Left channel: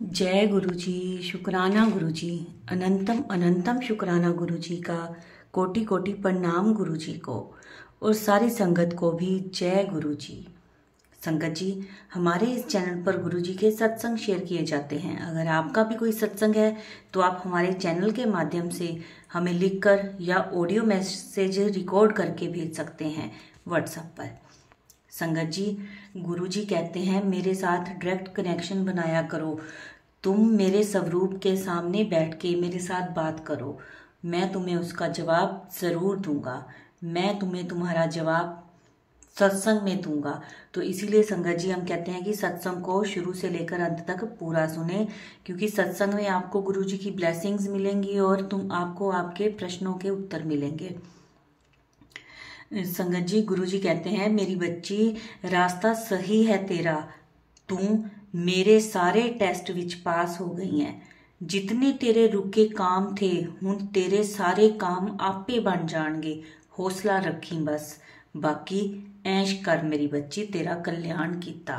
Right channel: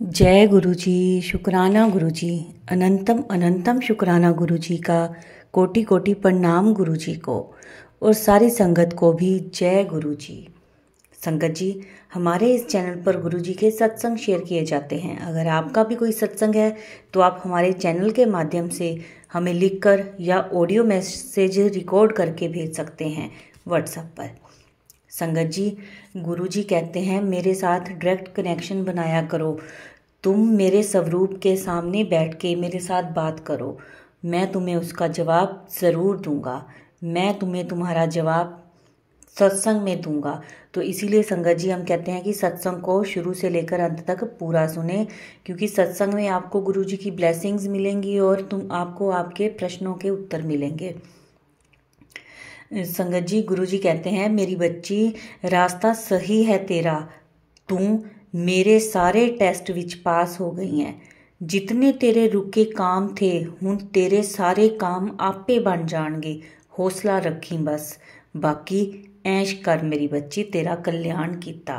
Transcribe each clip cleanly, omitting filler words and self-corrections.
जय गुरु जी। शुक्राना गुरु जी। अनंतम अनंतम शुक्राना गुरु जी का। कोटि कोटि प्रणाम गुरु जी को और सारी संगत को भी जय गुरु जी। संगत जी, हमारे इस चैनल पर गुरु जी के सत्संग शेयर किए जाते हैं। अगर आपका भी कोई सत्संग है तो आप हमारे चैनल के माध्यम से हमें लिखकर या ऑडियो मैसेज रिकॉर्ड करके भेज सकते हैं व्हाट्सएप पर। संगत जी, गुरु जी कहते हैं मेरे साथ डायरेक्ट कनेक्शन बनाया करो। तुम मेरे स्वरूप के सामने बैठ के मेरे साथ बात करो, मैं तुम्हें उसका जवाब ज़रूर दूंगा। मैं तुम्हें तुम्हारा जवाब सत्संग में दूंगा। तो इसीलिए संगत जी हम कहते हैं कि सत्संग को शुरू से लेकर अंत तक पूरा सुने, क्योंकि सत्संग में आपको गुरु जी की ब्लेसिंग्स मिलेंगी और आपको आपके प्रश्नों के उत्तर मिलेंगे। संगत जी, गुरु जी कहते हैं मेरी बच्ची, रास्ता सही है तेरा। तू मेरे सारे टेस्ट विच पास हो गई है। जितने तेरे रुके काम थे हुण तेरे सारे काम आपे बन जाणगे। हौसला रखी बस, बाकी ऐश कर मेरी बच्ची, तेरा कल्याण कीता।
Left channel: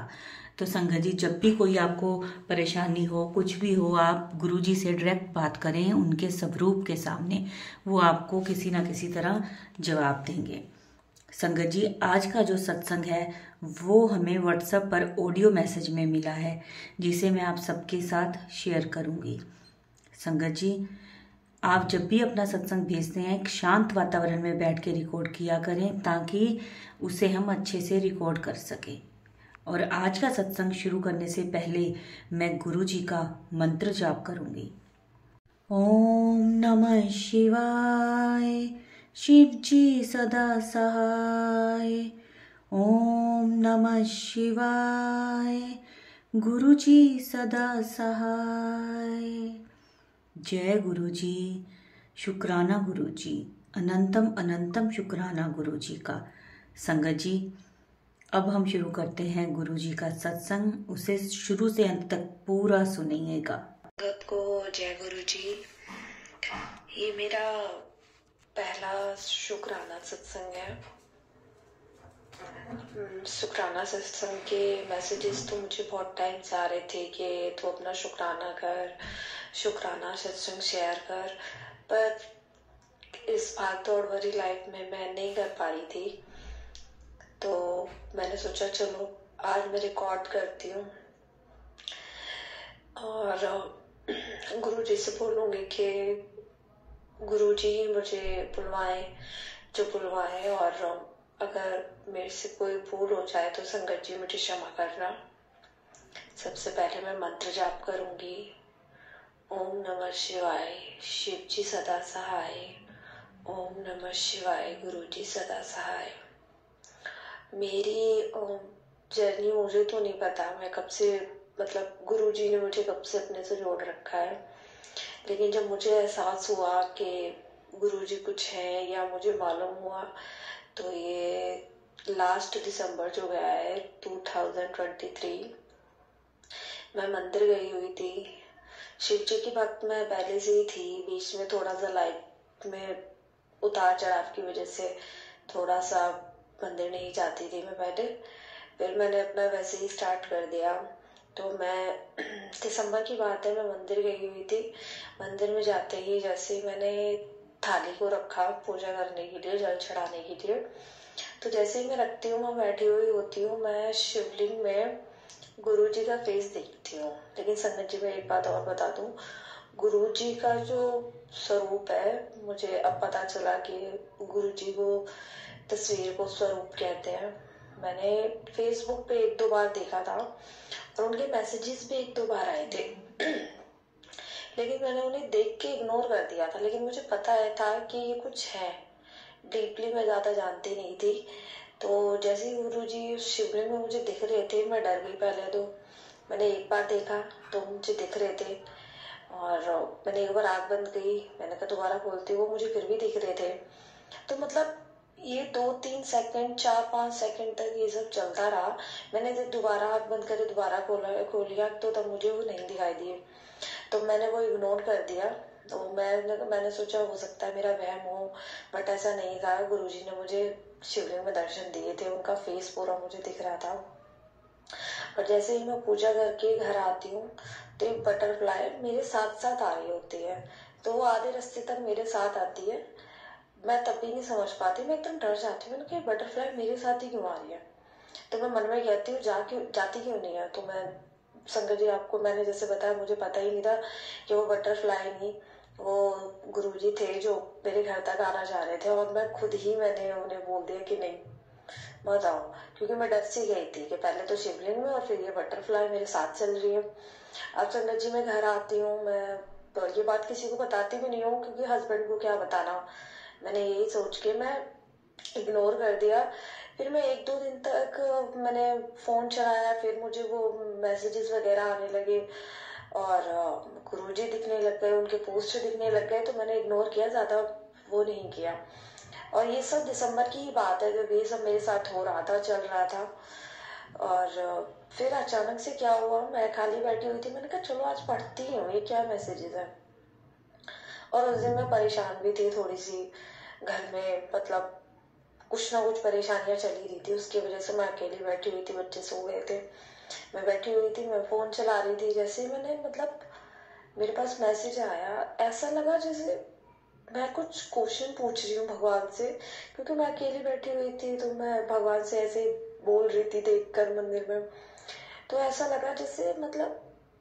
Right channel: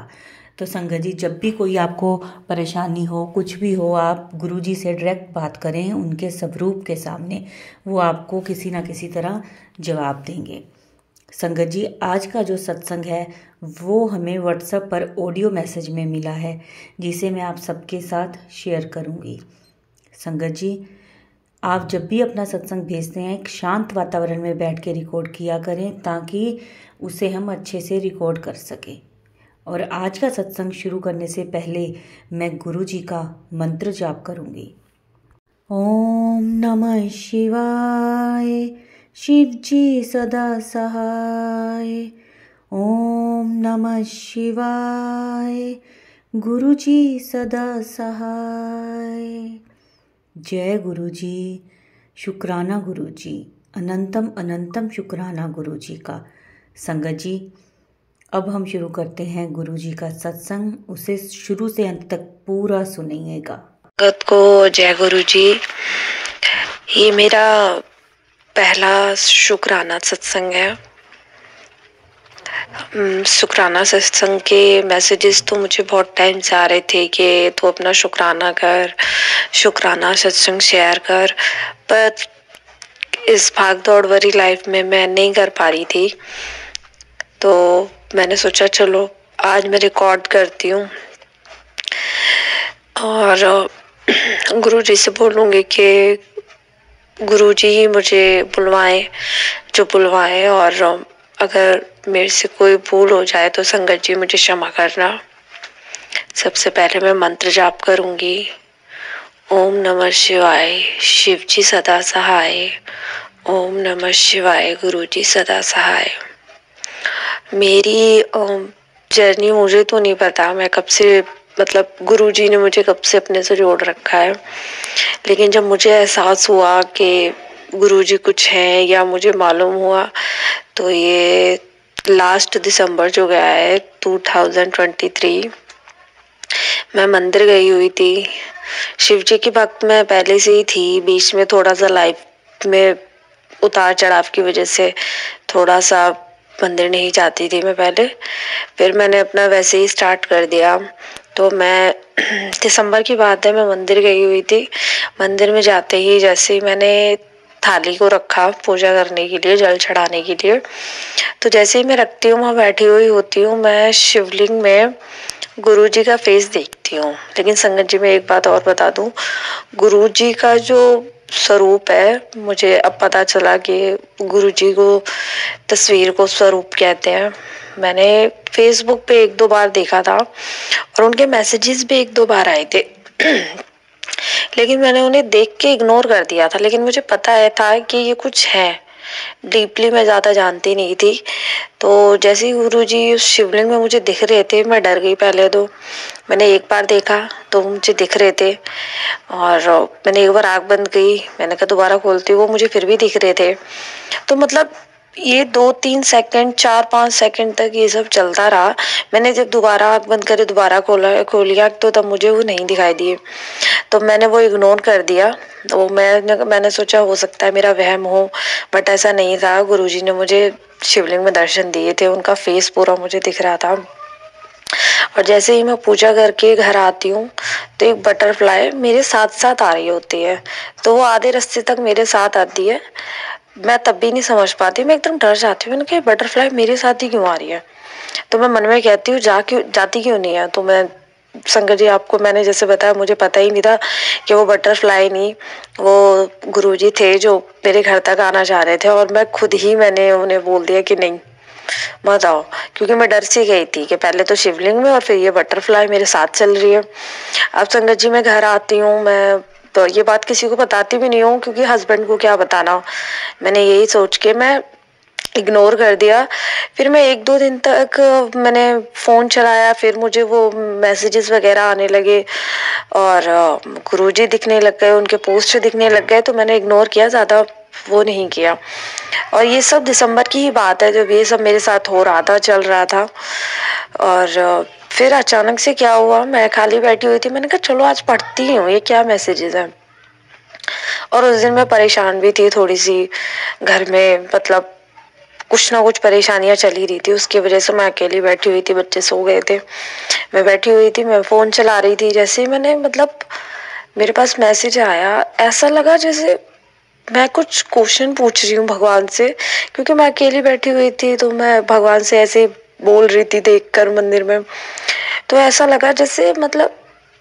तो संगत जी, जब भी कोई आपको परेशानी हो, कुछ भी हो, आप गुरु जी से डायरेक्ट बात करें उनके स्वरूप के सामने। वो आपको किसी ना किसी तरह जवाब देंगे। संगत जी, आज का जो सत्संग है वो हमें व्हाट्सएप पर ऑडियो मैसेज में मिला है, जिसे मैं आप सबके साथ शेयर करूंगी। संगत जी, आप जब भी अपना सत्संग भेजते हैं एक शांत वातावरण में बैठ के रिकॉर्ड किया करें, ताकि उसे हम अच्छे से रिकॉर्ड कर सकें। और आज का सत्संग शुरू करने से पहले मैं गुरु जी का मंत्र जाप करूंगी। ओम नमः शिवाय। शिव जी सदा सहाय। ओम नमः शिवाय। गुरु जी सदा सहाय। जय गुरु जी। शुक्राना गुरु जी। अनंतम अनंतम शुक्राना गुरु जी का। संगत जी, अब हम शुरू करते हैं गुरु जी का सत्संग। उसे शुरू से अंत तक पूरा सुनिएगा। संगत को जय गुरु जी। ये मेरा पहला शुक्राना सत्संग है। शुक्राना सत्संग के मैसेजेस तो मुझे बहुत टाइम से आ रहे थे कि तू अपना शुक्राना कर, शुक्राना सत्संग शेयर कर, पर इस भाग दौड़ भरी लाइफ में मैं नहीं कर पा रही थी। तो मैंने सोचा चलो आज मैं रिकॉर्ड करती हूँ और गुरु जी से बोलूँगी कि गुरु जी ही मुझे बुलवाएं, जो बुलवाएं, और अगर मेरे से कोई भूल हो जाए तो संगत जी मुझे क्षमा करना। सबसे पहले मैं मंत्र जाप करूंगी। ओम नमः शिवाय। शिव जी सदा सहाय। ओम नमः शिवाय। गुरु जी सदा सहाय। मेरी जर्नी मुझे तो नहीं पता, मैं कब से, मतलब गुरु जी ने मुझे कब से अपने से जोड़ रखा है, लेकिन जब मुझे एहसास हुआ कि गुरु जी कुछ हैं या मुझे मालूम हुआ, तो ये लास्ट दिसंबर जो गया है 2023, मैं मंदिर गई हुई थी। शिव जी की भक्त मैं पहले से ही थी। बीच में थोड़ा सा लाइफ में उतार चढ़ाव की वजह से थोड़ा सा मंदिर नहीं जाती थी मैं पहले, फिर मैंने अपना वैसे ही स्टार्ट कर दिया। तो मैं दिसंबर की बात है, मैं मंदिर गई हुई थी। मंदिर में जाते ही जैसे ही मैंने थाली को रखा पूजा करने के लिए, जल चढ़ाने के लिए, तो जैसे ही मैं रखती हूँ, वहाँ बैठी हुई होती हूँ, मैं शिवलिंग में गुरु जी का फेस देखती हूँ। लेकिन संगत जी, मैं एक बात और बता दूं, गुरु जी का जो स्वरूप है, मुझे अब पता चला कि गुरु जी को तस्वीर को स्वरूप कहते हैं। मैंने फेसबुक पे एक दो बार देखा था और उनके मैसेजेस भी एक दो बार आए थे लेकिन मैंने उन्हें देख के इग्नोर कर दिया था। लेकिन मुझे पता है था कि ये कुछ है, डीपली मैं ज्यादा जानती नहीं थी। तो जैसे ही गुरु जी उस शिवलिंग में मुझे दिख रहे थे, मैं डर गई। पहले तो मैंने एक बार देखा तो मुझे दिख रहे थे, और मैंने एक बार आँख बंद की, मैंने कहा दोबारा खोलती हूँ, वो मुझे फिर भी दिख रहे थे। तो मतलब ये 2-3 सेकंड, 4-5 सेकंड तक ये सब चलता रहा। मैंने जब दोबारा आँख बंद करे, दोबारा खोलिया, तो तब मुझे वो नहीं दिखाई दिए, तो मैंने वो इग्नोर कर दिया। तो मैंने सोचा हो सकता है मेरा वहम हो, बट ऐसा नहीं था। गुरुजी ने मुझे शिवलिंग में दर्शन दिए थे, उनका फेस पूरा मुझे दिख रहा था। और जैसे ही मैं पूजा करके घर आती हूँ तो एक बटरफ्लाई मेरे साथ साथ आ रही होती है। तो वो आधे रास्ते तक मेरे साथ आती है। मैं तब भी नहीं समझ पाती, मैं एकदम डर जाती हूँ, मैंने कहा बटरफ्लाई मेरे साथ ही क्यों आ रही है। तो मैं मन में कहती हूँ जाती क्यों नहीं है। तो मैं संगत जी, आपको मैंने जैसे बताया, मुझे पता ही नहीं था कि वो बटरफ्लाई नहीं, वो गुरुजी थे जो मेरे घर तक आना चाह रहे थे। और मैं खुद ही मैंने उन्हें बोल दिया कि नहीं मत आओ, क्योंकि मैं डर सी गई थी कि पहले तो शिवलिंग में और फिर ये बटरफ्लाई मेरे साथ चल रही है। अब संगत जी मैं घर आती हूँ, मैं तो ये बात किसी को बताती भी नहीं हूँ, क्योंकि हस्बैंड को क्या बताना। मैंने यही सोच के मैं इग्नोर कर दिया। फिर मैं 1-2 दिन तक मैंने फोन चलाया, फिर मुझे वो मैसेजेस वगैरह आने लगे और गुरुजी दिखने लग गए, उनके पोस्ट दिखने लग गए। तो मैंने इग्नोर किया, ज्यादा वो नहीं किया। और ये सब दिसंबर की ही बात है जब ये सब मेरे साथ हो रहा था, चल रहा था। और फिर अचानक से क्या हुआ, मैं खाली बैठी हुई थी, मैंने कहा चलो आज पढ़ती हूँ ये क्या मैसेजेस हैं। और उस दिन मैं परेशान भी थी थोड़ी सी, घर में मतलब कुछ ना कुछ परेशानियां चल ही रही थी, उसकी वजह से मैं अकेली बैठी हुई थी, बच्चे सो गए थे, मैं बैठी हुई थी, मैं फोन चला रही थी। जैसे ही मैंने मतलब मेरे पास मैसेज आया, ऐसा लगा जैसे मैं कुछ क्वेश्चन पूछ रही हूँ भगवान से, क्योंकि मैं अकेली बैठी हुई थी तो मैं भगवान से ऐसे बोल रही थी देखकर मंदिर में। तो ऐसा लगा जैसे मतलब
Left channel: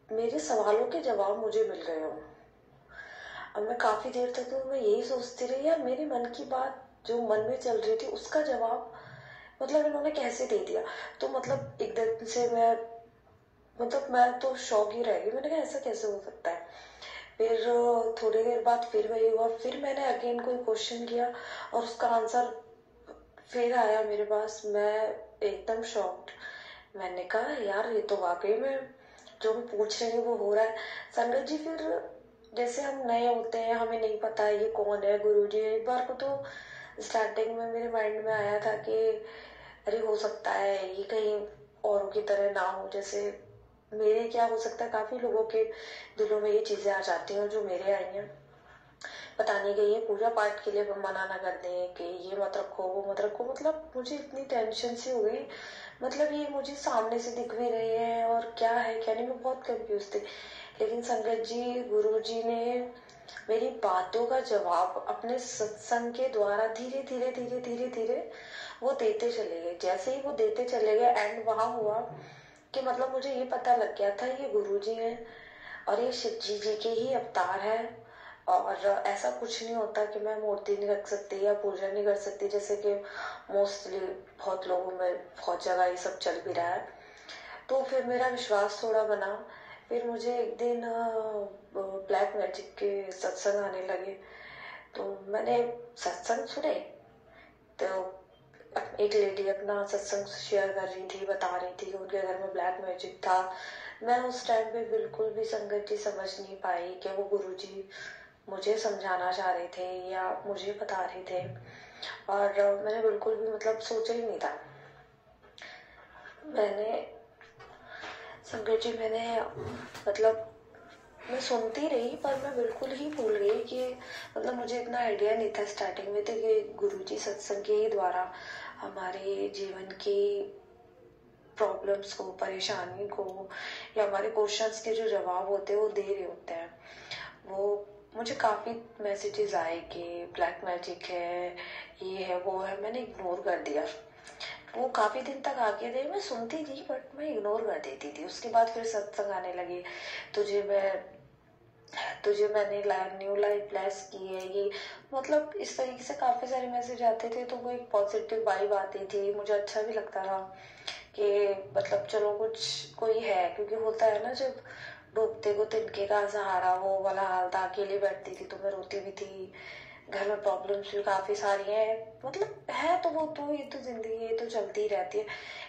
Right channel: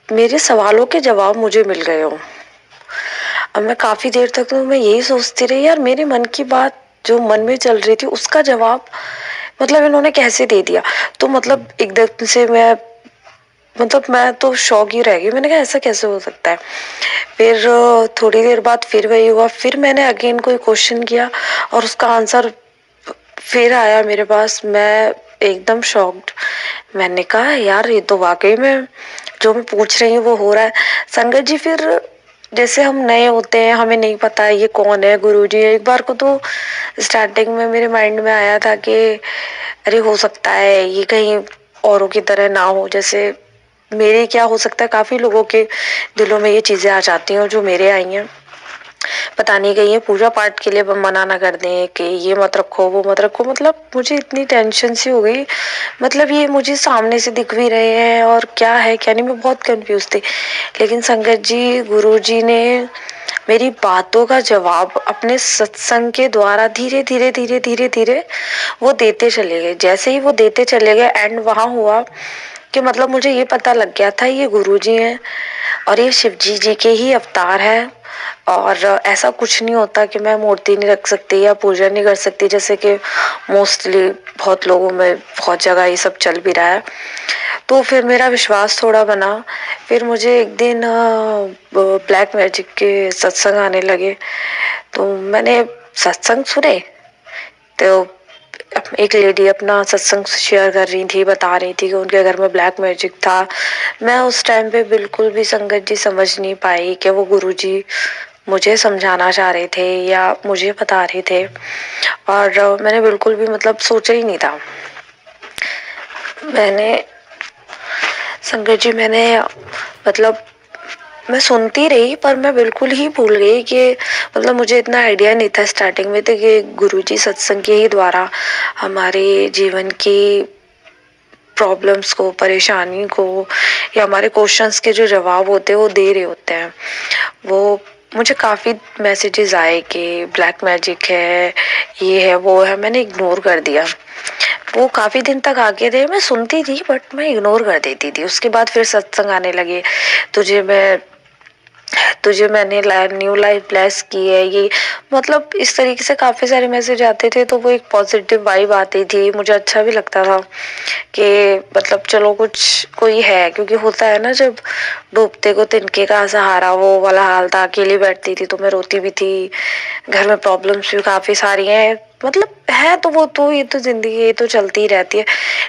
मेरे सवालों के जवाब मुझे मिल गए हो। अब मैं काफी देर तक तो मैं यही सोचती रही, यार मेरे मन की बात जो मन में चल रही थी उसका जवाब मतलब इन्होंने कैसे दे दिया। तो मतलब एकदम से मैं तो शॉक ही रह गई, मैंने कहा ऐसा कैसे हो सकता है। फिर थोड़ी देर बाद फिर वही हुआ, फिर मैंने अगेन कोई क्वेश्चन किया और उसका आंसर फिर आया मेरे पास। मैं एकदम शॉक्ड, मैंने कहा यार ये तो वाकई में जो मैं पूछ रही हूँ वो हो रहा है। संगत जी, फिर जैसे हम नए होते हैं, हमें नहीं पता है ये कौन है गुरुजी। एक बार को तो स्टार्टिंग में मेरे माइंड में आया था कि अरे हो सकता है ये कहीं औरों की तरह ना हो, जैसे मेरे क्या हो सकता है, काफी लोगों के दिलों में ये चीजें आ जाती हैं जो मेरे आई हैं। पता नहीं कहीं ये पूजा पाठ के लिए मना ना कर दें कि ये मत रखो वो मत रखो। मतलब मुझे इतनी टेंशन सी हो गई, मतलब ये मुझे सामने से दिख भी रहे हैं और क्या है क्या नहीं, मैं बहुत कंफ्यूज थी। लेकिन संगत जी, गुरु जी ने मेरी बातों का जवाब अपने सत्संग के द्वारा धीरे धीरे धीरे धीरे धीरे वो देते चले गए। जैसे ही वो देते चले गए, एंड वहां हुआ कि मतलब मुझे ये पता लग गया था ये गुरुजी हैं और ये शिवजी जी के ही अवतार है। और ऐसा कुछ नहीं होता कि मैं मूर्ति नहीं रख सकती या पूजा नहीं कर सकती, जैसे कि मोस्टली बहुत लोगों में बहुत जगह ये सब चल भी रहा है। तो फिर मेरा विश्वास थोड़ा बना। फिर मुझे एक दिन ब्लैक मैजिक के सत्संग आने लगे, तो मैंने सत्संग सुने। तो एक लेडी अपना सत्संग शेयर कर रही थी, बता रही थी कि उनके घर में ब्लैक मैजिक था। मैं उस टाइम पे बिल्कुल भी संगत जी समझ नहीं पाई कि वो गुरुजी मुझे समझाना चाह रहे थे या मुझे बता रहे थे। और मैंने बिल्कुल भी मतलब सोचा ही नहीं था। मैंने संगत जी मैंने मतलब मैं सुनती रही, पर मैं बिल्कुल ही भूल गई कि मतलब मुझे इतना आइडिया नहीं था स्टार्टिंग में तो कि गुरुजी सत्संग के ही द्वारा हमारे जीवन की प्रॉब्लम्स को, परेशानी को या हमारे क्वेश्चंस के जो जवाब होते हैं वो दे रहे होते हैं। वो मुझे काफ़ी मैसेजेस आए कि ब्लैक मैजिक है, ये है वो है, मैंने इग्नोर कर दिया। वो काफी दिन तक आगे थे, मैं सुनती थी बट मैं इग्नोर कर देती थी। उसके बाद फिर सत्संग आने लगे, तुझे मैंने न्यू लाइफ ब्लेस की है, ये मतलब इस तरीके से काफी सारे मैसेज आते थे। तो वो एक पॉजिटिव वाइब आती थी, मुझे अच्छा भी लगता था कि मतलब चलो कुछ कोई है। क्योंकि होता है ना, जब डूबते को तिनके का सहारा, वो वाला हाल था। अकेली बैठती थी तो मैं रोती भी थी, घर में प्रॉब्लम्स भी काफी सारी हैं, मतलब है तो वो तो ये तो जिंदगी ये तो चलती ही रहती है।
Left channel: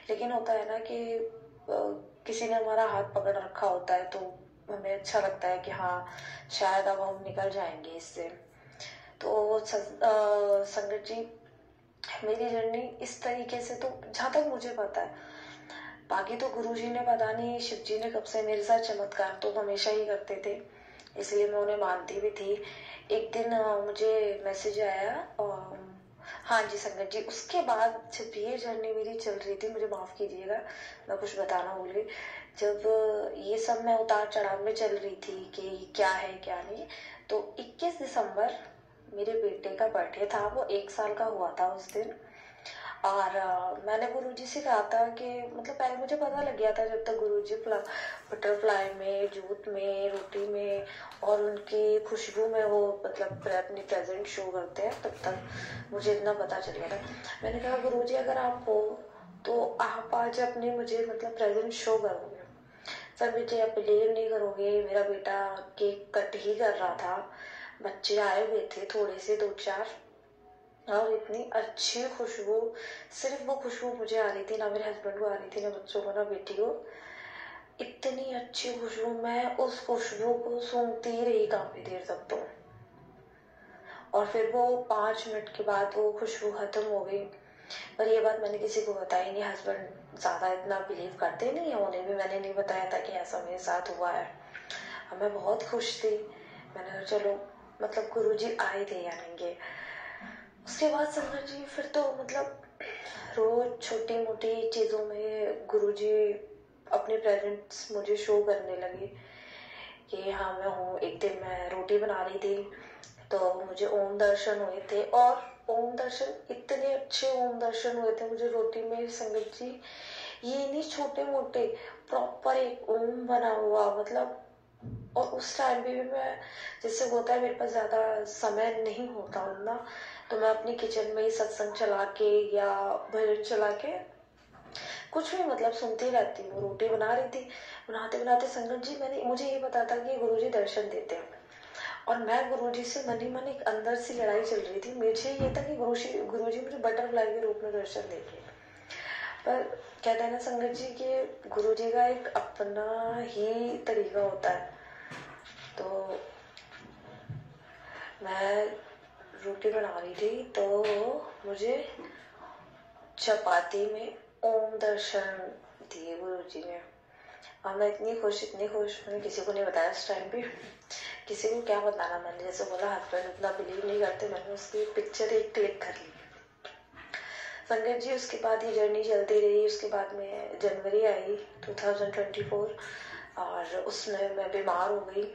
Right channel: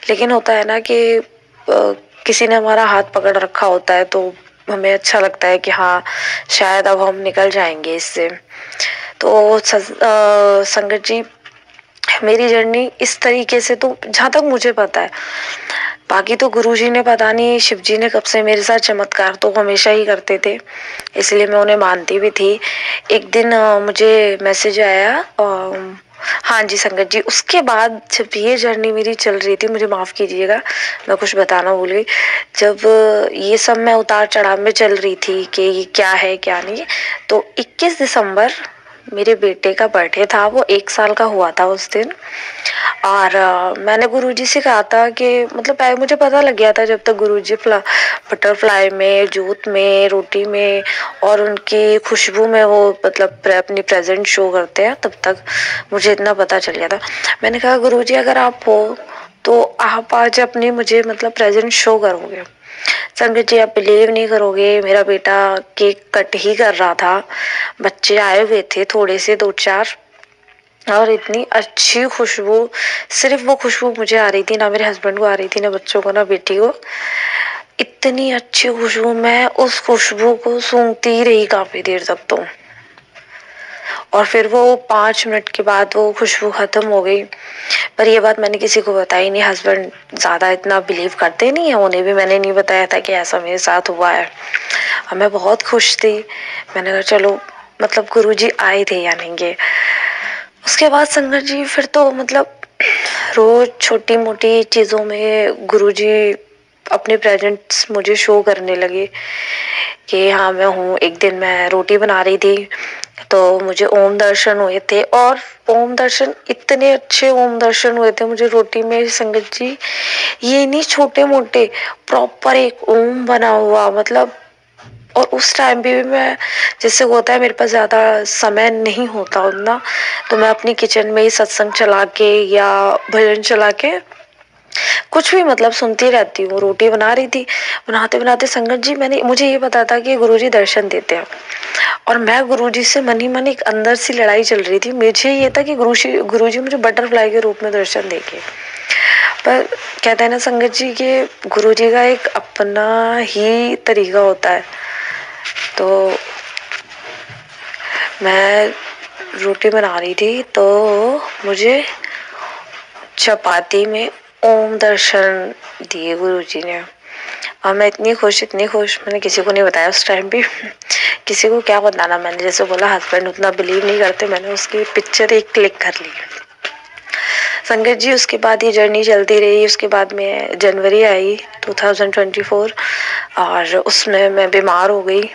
लेकिन होता है ना कि किसी ने हमारा हाथ पकड़ रखा होता है तो हमें अच्छा लगता है कि हाँ शायद अब हम निकल जाएंगे इससे। तो संगत जी, मेरी जर्नी इस तरीके से, तो जहां तक मुझे पता है, बाकी तो गुरुजी ने पता नहीं शिव जी ने कब से मेरे साथ चमत्कार तो हमेशा ही करते थे, इसलिए मैं उन्हें मानती भी थी। एक दिन मुझे मैसेज आया हाँ जी संगत जी, उसके बाद जब ये जर्नी मेरी चल रही थी, मुझे माफ कीजिएगा मैं कुछ बताना भूल गई। जब ये सब मैं उतार चढ़ाव में चल रही थी कि ये क्या है क्या नहीं, तो 21 दिसंबर मेरे बेटे का बर्थडे था। वो 1 साल का हुआ था उस दिन। और मैंने गुरुजी से कहा था कि मतलब पहले मुझे पता लग गया था, जब तक गुरुजी बटरफ्लाई में, जूत में, रोटी में और उनकी खुशबू में वो मतलब अपनी प्रेजेंट शो करते हैं, तब तक मुझे इतना पता चल गया था। मैंने कहा गुरुजी अगर आप हो तो आप आज अपनी मुझे मतलब प्रेजेंट शो करोगे। संगत जी आप बिलीव नहीं करोगे, मेरा बेटा केक कट ही कर रहा था, बच्चे आए हुए थे थोड़े से 2-4, और इतनी अच्छी खुशबू, सिर्फ वो खुशबू मुझे आ रही थी, ना मेरे हस्बैंड को आ रही थी, ना बच्चों को, ना बेटी को। इतनी अच्छी खुशबू, मैं उस खुशबू को सूंघती ही रही काफी देर तक तो। और फिर वो 5 मिनट के बाद वो खुशबू खत्म हो गई। पर ये बात मैंने किसी को बताई नहीं, हस्बैंड ज्यादा इतना बिलीव करते नहीं है, उन्हें भी मैंने नहीं बताया था कि ऐसा मेरे साथ हुआ है। और मैं बहुत खुश थी। मैंने कहा चलो मतलब गुरुजी आए थे या नहीं ये। उसके बाद संगत जी फिर तो मतलब रोज छोटी मोटी चीजों में गुरुजी अपने प्रेजेंट्स मुझे शो करने लगे कि हाँ मैं हूँ। एक दिन मैं रोटी बना रही थी तो मुझे ओम दर्शन हुए थे, और ओम दर्शन, इतने अच्छे ओम दर्शन हुए थे मुझे रोटी में संगत जी। ये नहीं छोटे मोटे, प्रॉपर एक ओम बना हुआ मतलब। और उस टाइम पे भी मैं, जैसे होता है मेरे पास ज्यादा समय नहीं होता उतना, तो मैं अपनी किचन में ही सत्संग चला के या भजन चला के कुछ भी मतलब सुनती रहती हूँ। रोटी बना रही थी, बनाते बनाते संगत जी मुझे ये पता था कि गुरुजी दर्शन देते हैं, और मैं गुरुजी से मन ही मन एक अंदर सी लड़ाई चल रही थी। मुझे ये था कि गुरुजी मुझे बटरफ्लाई के रूप में दर्शन देंगे। पर कहते हैं ना संगत जी कि गुरुजी का एक अपना ही तरीका होता है। तो मैं रोटी बना रही थी तो मुझे चपाती में ओम दर्शन दिए गुरुजी ने, और मैं इतनी खुश, मैंने किसी को नहीं बताया उस टाइम भी। किसी को क्या बताना, मैंने जैसे बोला हस्बैंड उतना बिलीव नहीं करते, मैंने उसकी पिक्चर एक क्लिक कर ली। संगत जी उसके बाद ये जर्नी चलती रही। उसके बाद में जनवरी आई 2024, और उसमें मैं बीमार हो गई।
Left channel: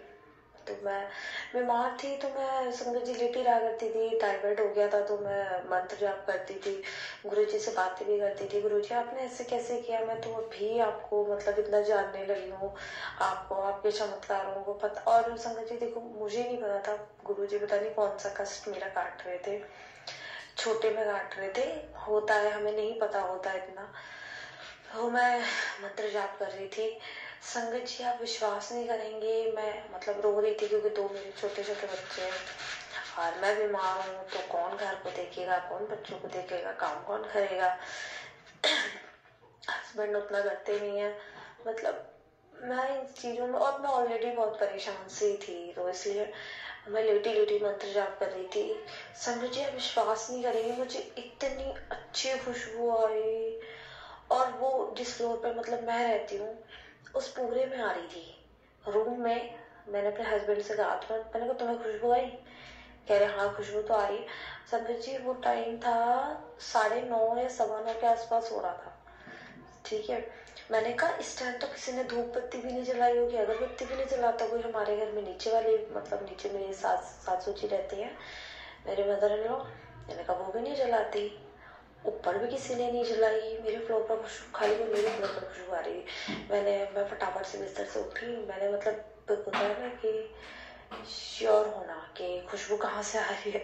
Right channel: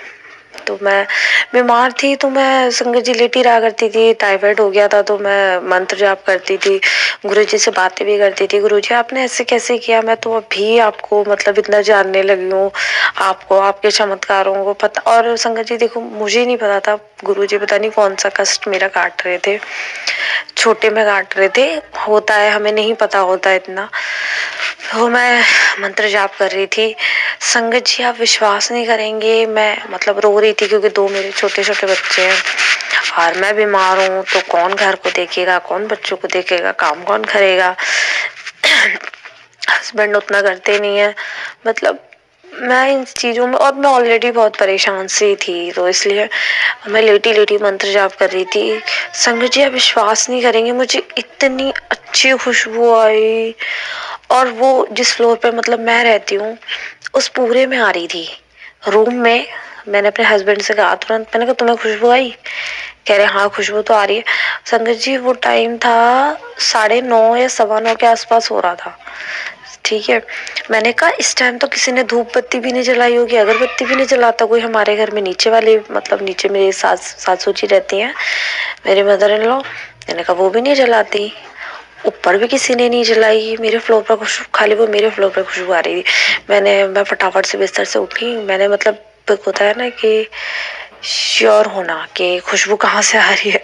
तो मैं बीमार थी तो मैं संगत जी लेटी रहा करती थी। टाइफाइड हो गया था तो मैं मंत्र जाप करती थी, गुरुजी से बातें भी करती थी। गुरुजी आपने ऐसे कैसे किया, मैं तो अभी आपको मतलब इतना जानने लगी हूँ, आपको आपके चमत्कारों को पता। और संगत जी देखो मुझे नहीं पता था, गुरुजी पता नहीं कौन सा कष्ट मेरा काट रहे थे, छोटे में काट रहे थे। होता है, हमें नहीं पता होता इतना। तो मैं मंत्र जाप कर रही थी। संगत जी आप विश्वास नहीं करेंगे, मैं मतलब रो रही थी क्योंकि 2 मेरे छोटे छोटे बच्चे हैं और मैं बीमार हूँ। तो कौन घर को देखेगा, कौन बच्चों को देखेगा, काम कौन करेगा। हस्बैंड उतना करते नहीं है मतलब। मैं इन चीजों में, और मैं ऑलरेडी बहुत परेशान सी थी, तो इसलिए मैं लेटी लेटी मंत्र जाप कर रही थी। संगत जी आप विश्वास नहीं करेंगे, मुझे इतनी अच्छी खुशबू आई। और वो जिस फ्लोर पे मतलब मैं रहती हूँ उस पूरे में आ रही थी, रूम में। मैंने अपने हस्बैंड से कहा तुरंत, मैंने कहा तुम्हें खुशबू आई? कह रहे हाँ खुशबू तो आ रही है। संगत जी वो टाइम था 9:30 या 9:15 के आसपास हो रहा था, ठीक है। मैंने कहा इस टाइम तो किसी ने धूप बत्ती भी नहीं जलाई होगी, अगरबत्ती भी नहीं जलाता कोई हमारे घर में। नीचे वाले मतलब नीचे मेरी सासू जी रहती हैं, मेरे मदर इन लॉ। मैंने कहा वो भी नहीं जलाती, ऊपर भी किसी ने नहीं जलाई, मेरे फ्लोर पर खुशबू, खाली वो मेरे फ्लोर पर खुशबू आ रही थी। मैं फटाफट से बिस्तर से उठी। मैंने मतलब होता है ना कि श्योर होना कि खुशबू कहाँ से आ रही है।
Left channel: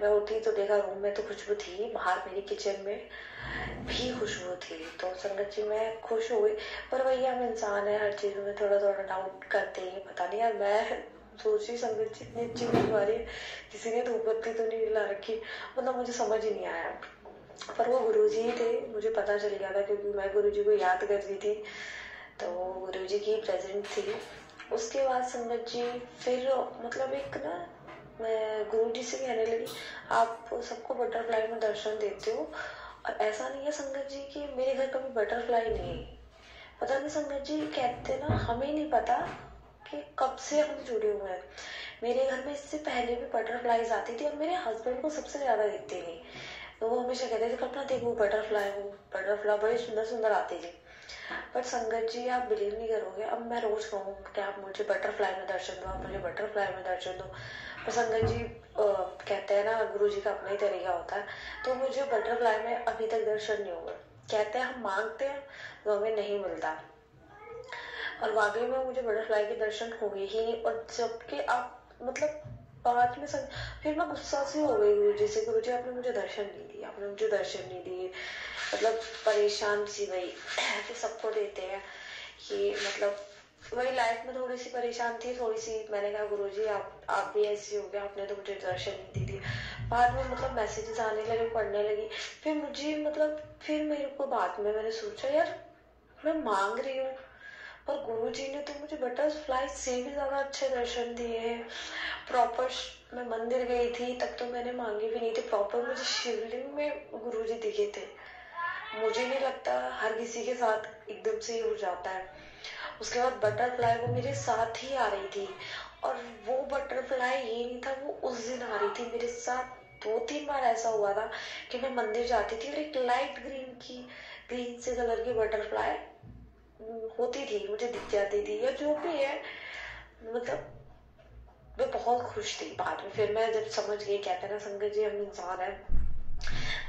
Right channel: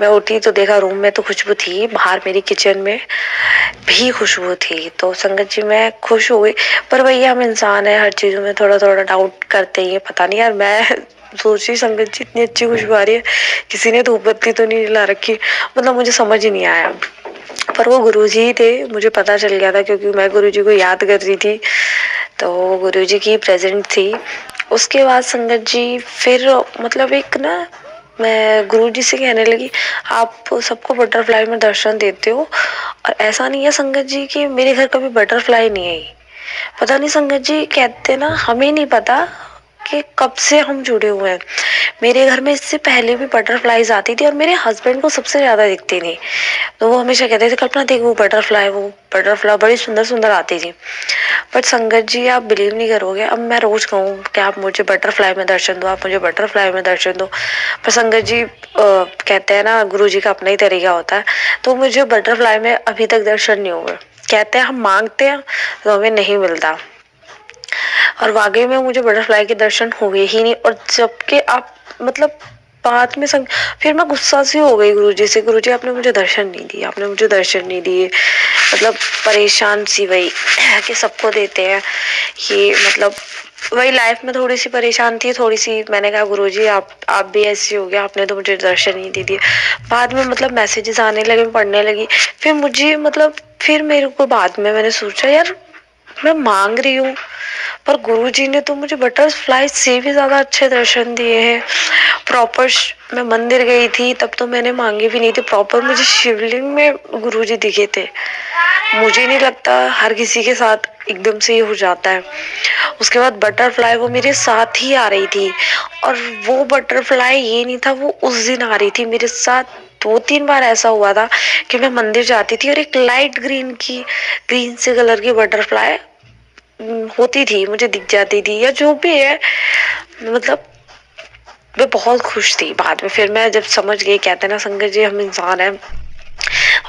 मैं उठी तो देखा रूम में तो खुशबू थी, बाहर मेरी किचन में भी खुशबू थी। तो संगत जी मैं खुश हो गई। पर भैया हम इंसान है, हर चीजों में थोड़ा थोड़ा डाउट करते ही है। पता नहीं यार, मैं सोची संगत जी इतनी अच्छी खुशबू आ रही है, किसी ने धूप बत्ती तो नहीं जला रखी, मतलब मुझे समझ ही नहीं आया। पर वो गुरुजी ही थे, मुझे पता चल गया था क्योंकि मैं गुरुजी को याद कर रही थी, तो वो गुरुजी की प्रेजेंट थी। उसके बाद संगत जी फिर मतलब एक ना, मैं गुरुजी से कहने लगी आप सबको बटरफ्लाई में दर्शन देते हो, और ऐसा नहीं है संगत जी कि मेरे घर कभी बटरफ्लाई नहीं आई। पता नहीं संगत जी कहते ना, हमें नहीं पता कि कब से हम जुड़े हुए हैं। मेरे घर में इससे पहले भी बटरफ्लाईज आती थी और मेरे हस्बैंड को सबसे ज्यादा दिखती थी, तो वो हमेशा कहते थे कल्पना देख वो बटरफ्लाई बड़ी सुंदर सुंदर आती थी। बट संगत जी आप बिलीव नहीं करोगे, अब मैं रोज कहूँ कि आप मुझे बटरफ्लाई में दर्शन दो, आप मुझे बटरफ्लाई में दर्शन दो, पर संगत जी कहते हैं ना गुरु जी का अपना ही तरीका होता है, तो मुझे बटरफ्लाई में अभी तक दर्शन नहीं हुए। कहते हैं हम मांगते हैं तो हमें नहीं मिलता, और वाकई में मुझे बटरफ्लाई के दर्शन हुए ही नहीं। और जबकि आप मतलब बाद में फिर मैं गुस्सा सी हो गई गुरुजी से, गुरुजी आपने मुझे दर्शन नहीं दिए, आपने मुझे दर्शन नहीं दिए। मतलब परेशान सी वही कि सबको देते हैं ये, मतलब वही लाइफ में थोड़ी सी परेशान थी, थोड़ी सी। मैंने कहा गुरुजी आप भी ऐसी हो गया, आपने तो मुझे दर्शन ही नहीं दिए। बाद में मतलब मैसेजेस आने लगे, पढ़ने लगी, फिर मुझे मतलब फिर मेरे को बाद में मैंने सोचा यार मैं मांग रही हूँ, पर गुरुजी ने तो मुझे बटरफ्लाई से भी ज्यादा अच्छे दर्शन दिए हैं। प्रॉपर मैं मंदिर गई थी तब तो मैंने मांगे भी नहीं थे, प्रॉपर मुझे शिवलिंग में गुरुजी दिखे थे। मुझे नहीं लगता हर किसी के साथ एकदम से ये हो जाता है। उसके बाद बटरफ्लाई वो मेरे साथ ही आ रही थी, और वो बटरफ्लाई ये नहीं था वो उस दिन आ रही थी मेरे साथ। 2-3 बार ऐसा हुआ था कि मैं मंदिर जाती थी और एक लाइट ग्रीन से कलर की बटरफ्लाई होती थी, मुझे दिख जाती थी या जो भी है। मतलब मैं बहुत खुश थी। बाद में फिर मैं जब समझ गई, कहते ना संगत जी हम इंसान हैं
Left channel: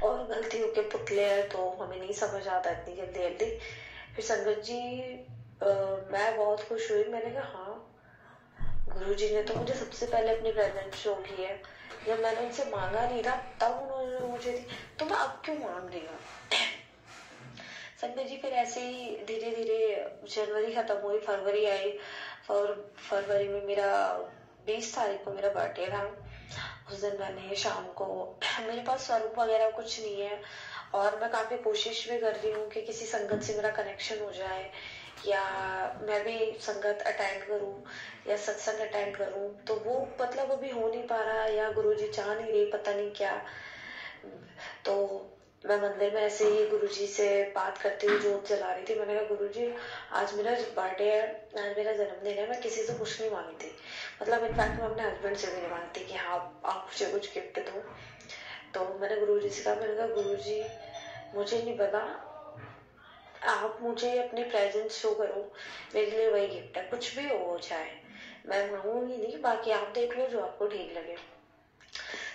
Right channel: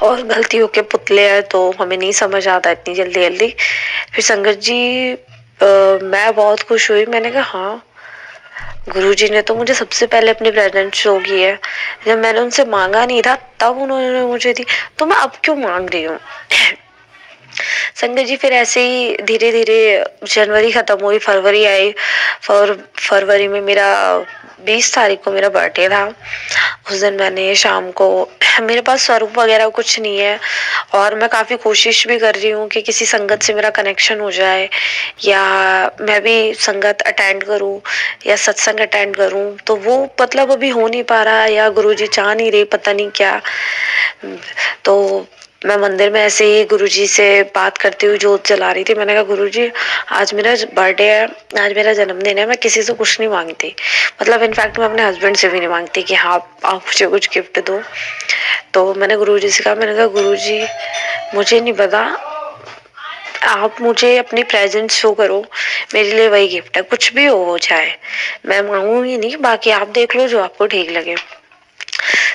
और गलतियों के पुतले हैं, तो हमें नहीं समझ आता इतनी जल्दी जल्दी। फिर संगत जी मैं बहुत खुश हुई। मैंने कहा हाँ गुरुजी ने तो मुझे सबसे पहले अपनी प्रेजेंस शो की है। जब मैंने उनसे मांगा नहीं था तब उन्होंने मुझे दी, तो मैं अब क्यों मांग रही हूँ। संगत जी फिर ऐसे ही धीरे धीरे जनवरी खत्म हुई, फरवरी आई। फरवरी में मेरा 20 तारीख को मेरा बर्थडे था। उस दिन मैंने शाम को, मेरे पास स्वरूप वगैरह कुछ नहीं है और मैं काफी कोशिश भी कर रही हूँ कि किसी संगत से मेरा कनेक्शन हो जाए या मैं भी संगत अटेंड करूँ या सत्संग अटेंड करूँ, तो वो मतलब अभी हो नहीं पा रहा या गुरुजी चाह नहीं रहे, पता नहीं क्या। तो मैं मंदिर में ऐसे ही गुरुजी से बात करती हुई जोत जला रही थी। मैंने कहा गुरुजी आज मेरा बर्थडे है, आज मेरा जन्मदिन है, मैं किसी से कुछ नहीं मांगती, मतलब इनफैक्ट मैं अपने हस्बैंड से भी नहीं मांगती कि हाँ आप मुझे कुछ गिफ्ट दो। तो मैंने गुरुजी से कहा, मैंने कहा गुरुजी मुझे नहीं पता, आप मुझे अपनी प्रेजेंस शो करो, मेरे लिए वही गिफ्ट है, कुछ भी हो जाए मैं मांगूंगी नहीं, बाकी आप देख लो जो आपको ठीक लगे।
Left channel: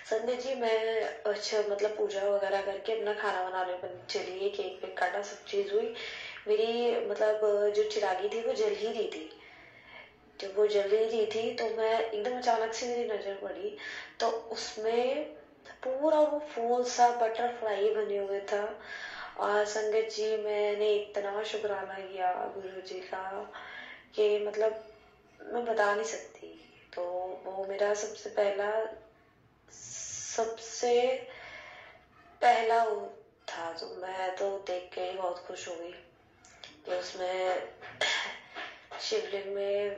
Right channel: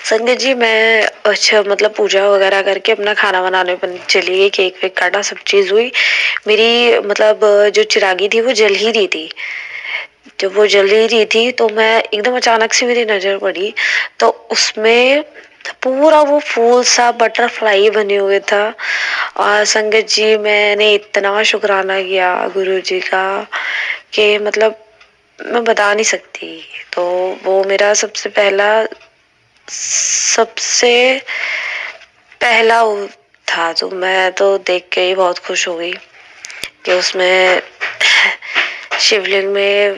संगत जी मैं अच्छा मतलब पूजा वगैरह करके अपना खाना बनाने पर चली गई, केक वेक काटा, सब चीज हुई। मेरी मतलब जो चिरागी थी वो जल ही रही थी। जब वो जल ही रही थी तो मैं एकदम अचानक से मेरी नजर पड़ी, तो उसमें पूरा वो फूल सा बटरफ्लाई बने हुए था। और संगत जी मैंने इतना शुक्राना किया गुरु जी का कि मतलब मैं बता नहीं सकती। तो वो मेरा सबसे पहला था, तो मैं तो देख के ही बहुत खुश हो गई कि उसमें शिवलिंग में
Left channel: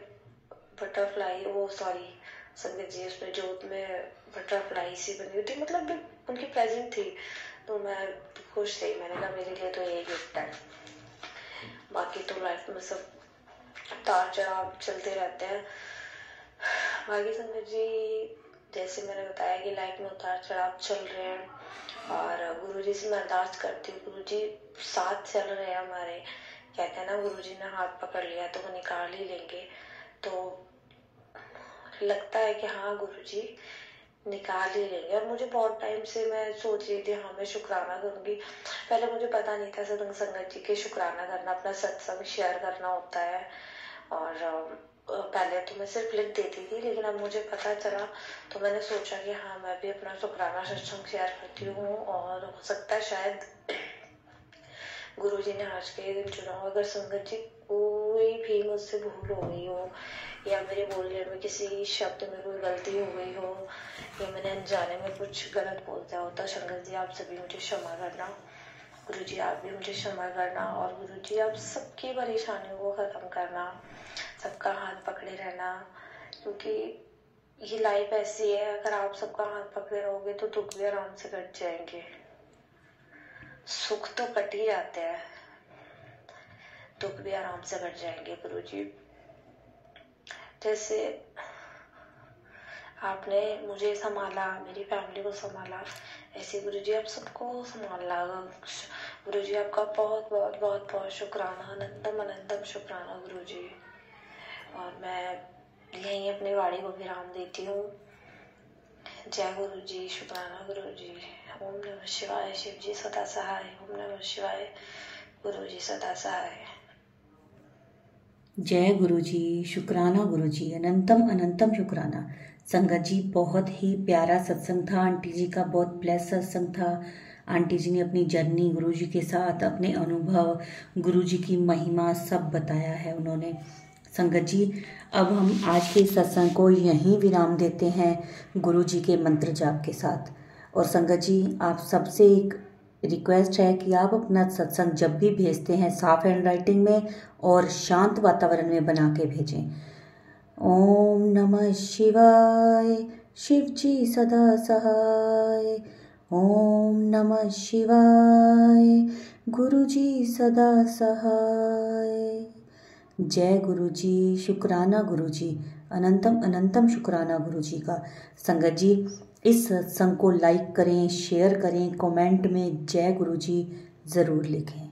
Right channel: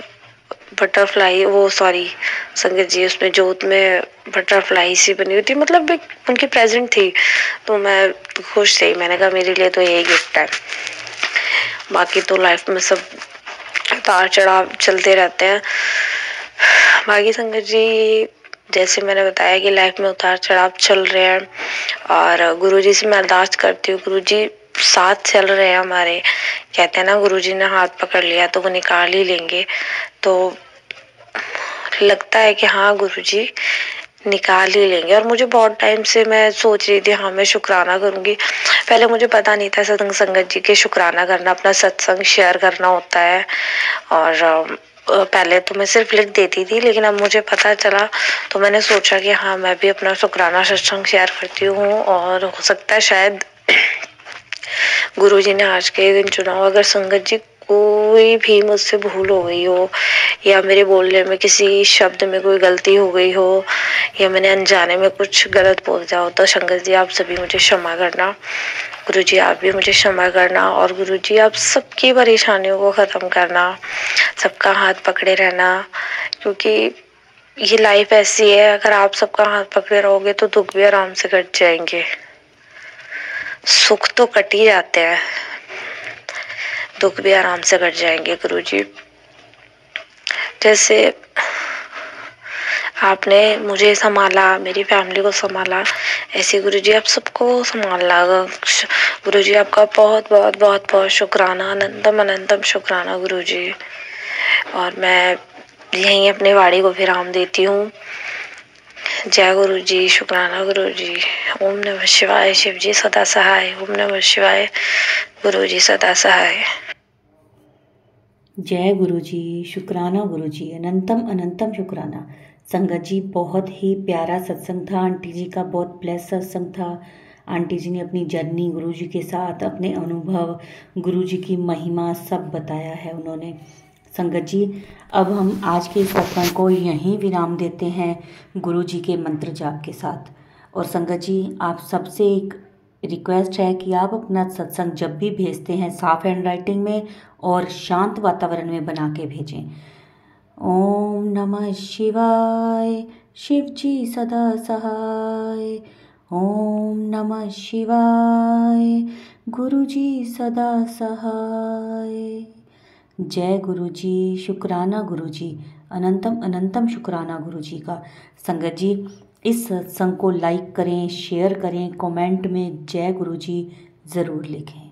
बटरफ्लाई, वो सॉरी संगत जी उसमें जोत में बटरफ्लाई सी बनी हुई थी, मतलब एक उनकी प्रेजेंट थी, तो मैं खुश थी। मैंने कहा मेरे लिए तो यही गिफ्ट है। बाकी तो लाइफ में सब उतार चढ़ाव चलते रहते हैं। बाकी संगत जी जैसे मैंने बताया कि लाइफ में उतार चढ़ाव चल रहे हैं, और गुरुजी से मैं अरदास करती हूँ, गुरुजी साथ चल रहे हैं हमारे। कहते हैं ना गुरुजी ने हाथ पकड़ लिया तो वो निकाल ही लेंगे, तो लगता है कि हाँ गुरुजी निकाल ही लेंगे। और मुझे बहुत टाइम से मैं सोच रही थी हाँ मैं शुक्राना करूंगी। पहले मुझे पता नहीं था सत्संग संगत जी के शुक्राना करना, अपना सत्संग शेयर करना होता है, और पहले तो मैं सिर्फ लिख देती थी, लेकिन अब मुझे पता चला तो मैंने सोचा कि हाँ मैं भी अपना शुक्राना सत्संग शेयर करती हूँ। और हो सकता है शायद गुरुजी ने आज के दिन चुना हो। अगर संगत जी कोई भी मुझसे भूल हो गई हो या मेरे बोलने में किसी शब्द में कोई गलती हो गई हो या मैंने अनजाने में कुछ गलत बोल दिया हो, तो संगत जी आप सभी मुझे क्षमा करना। गुरुजी आप भी मुझे क्षमा करना, और गुरुजी आप सबकी परेशानियों को खत्म करना, सबका हाथ पकड़े रहना, क्योंकि ये लाइफ ऐसी है, अगर आप सबका हाथ पकड़े रहोगे तो दुख भी आराम से कट जाएंगे। सुख तो कट ही जाते हैं, दुख भी आराम से कट जाएंगे गुरुजी। जैसे आपने मुझे संभाला, मेरी फैमिली को संभाला, ऐसे गुरुजी आप सबको संभालना। गुरुजी आपका बहुत बहुत बहुत बहुत शुक्राना, अनंतम अनंतम शुक्राना गुरुजी। और मैं यहीं अपने वाणी को विराम देती हूँ। जय गुरुजी, शुक्राना गुरुजी। ओम नमः शिवाय। शिव जी सदा सहाय। ओम नमः शिवाय। गुरुजी सदा सहाय। जय गुरुजी, शुक्राना गुरुजी, अनंतम अनंतम शुक्राना। संगत जी, बहुत ही प्यारा सत्संग था। आंटी जी का बहुत ब्लेस सत्संग था। आंटी जी ने अपनी जर्नी गुरुजी के साथ, अपने अनुभव, गुरुजी की महिमा सब बताया है उन्होंने। संगत जी, अब हम आज के सत्संग को यहीं विराम देते हैं गुरुजी के मंत्र जाप के साथ। और संगत जी, आप सबसे एक रिक्वेस्ट है कि आप अपना सत्संग जब भी भेजते हैं साफ हैंड राइटिंग में और शांत वातावरण में बना के भेजें। ओम नमः शिवाय। शिव जी सदा सहाय। ओम नमः शिवाय। गुरु जी सदा सहाय। जय गुरुजी, शुक्राना गुरुजी, अनंतम अनंतम शुक्राना गुरुजी का। संगत जी, इस सत्संग को लाइक करें, शेयर करें, कमेंट में जय गुरुजी ज़रूर लिखें।